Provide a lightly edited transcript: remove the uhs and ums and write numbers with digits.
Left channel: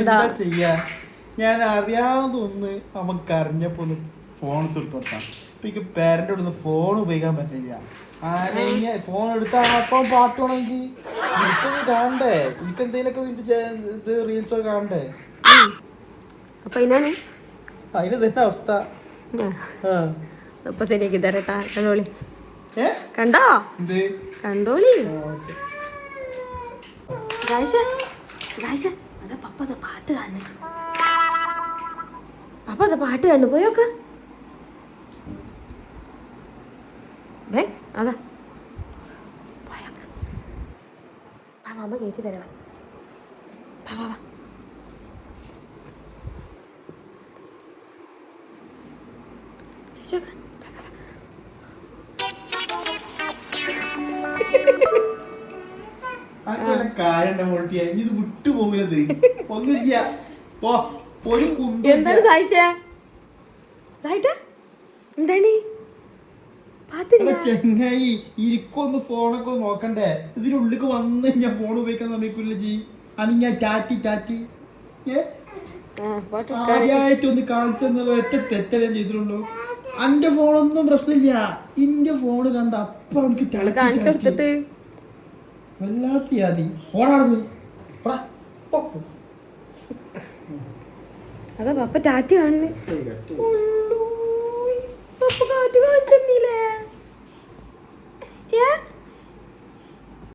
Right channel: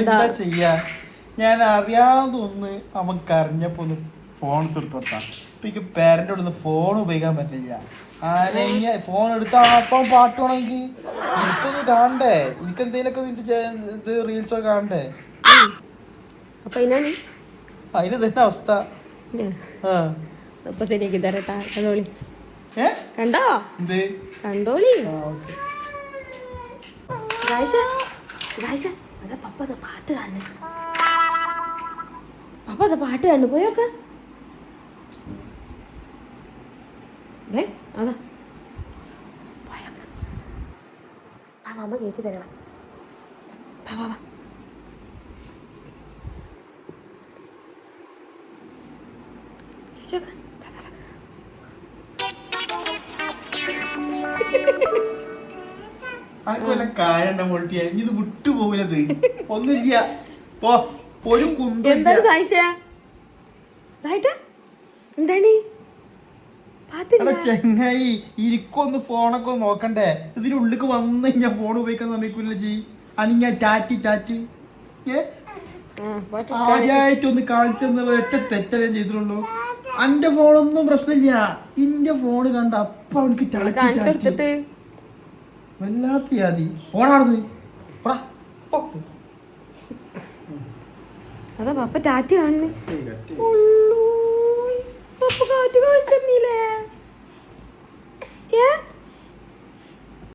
എന്താ ചെയ്യാ? ഞാൻ അറിയാതെ ഒന്ന് അവൻ കരഞ്ഞപ്പോ ഒന്ന് ഫോൺ എടുത്തോട്ടാ. ഇപ്പൊ പേരന്റെ അടുത്ത് ഫോൺ ഉപയോഗിക്കാൻ പറ്റില്ല. ഫോൺ എടുത്താ അപ്പം പാട്ട് വേണമെങ്കിൽ എനിക്കൊന്ന് കാണണ്ടേ, എനിക്ക് എന്തെങ്കിലുമൊക്കെ ഇത് റീൽസ് ഒക്കെ കാണണ്ടേ. അതിന് തന്നെ അവസ്ഥ. കണ്ടോ കണ്ടോളി പാട്ട് കണ്ടു പോയോക്ക. അതാ അമ്മ കേറ്റി തരണം. കാര്യം മോട്ടിയ ഇത് വിട്ടുപോകുന്നത് ഒന്നുമില്ല. ഒരു ചെങ്ങായി ഇരിക്കൊന്ന് ഫോണൊക്കെ ഒന്ന് നോക്കണ്ടേ. ഇതിനുള്ളിലേക്ക് വന്ന് ഞാൻ ഫോൺ ഉപയോഗിക്കാൻ സമയക്കില്ല ചെയ് അനിങ്ങ ടാറ്റി ആദ്യമായിട്ടൊന്ന് കാണിച്ചെന്ന് ഒറ്റ തെറ്റല്ലേ ചെയ്തിട്ടുള്ളൂ. എന്റെ ഫോണൊന്നും പ്രശ്നമില്ല. ഇന്റെ ഫോണ് കണ്ട അപ്പൊ അവനക്ക് ടാറ്റി വല്ലാത്ത യാതി ഓടാടുന്നു. അതാ പപ്പ ടാറ്റ കാണുന്നു. പപ്പ കാറ്റ് കാണിച്ചെന്നില്ലേ?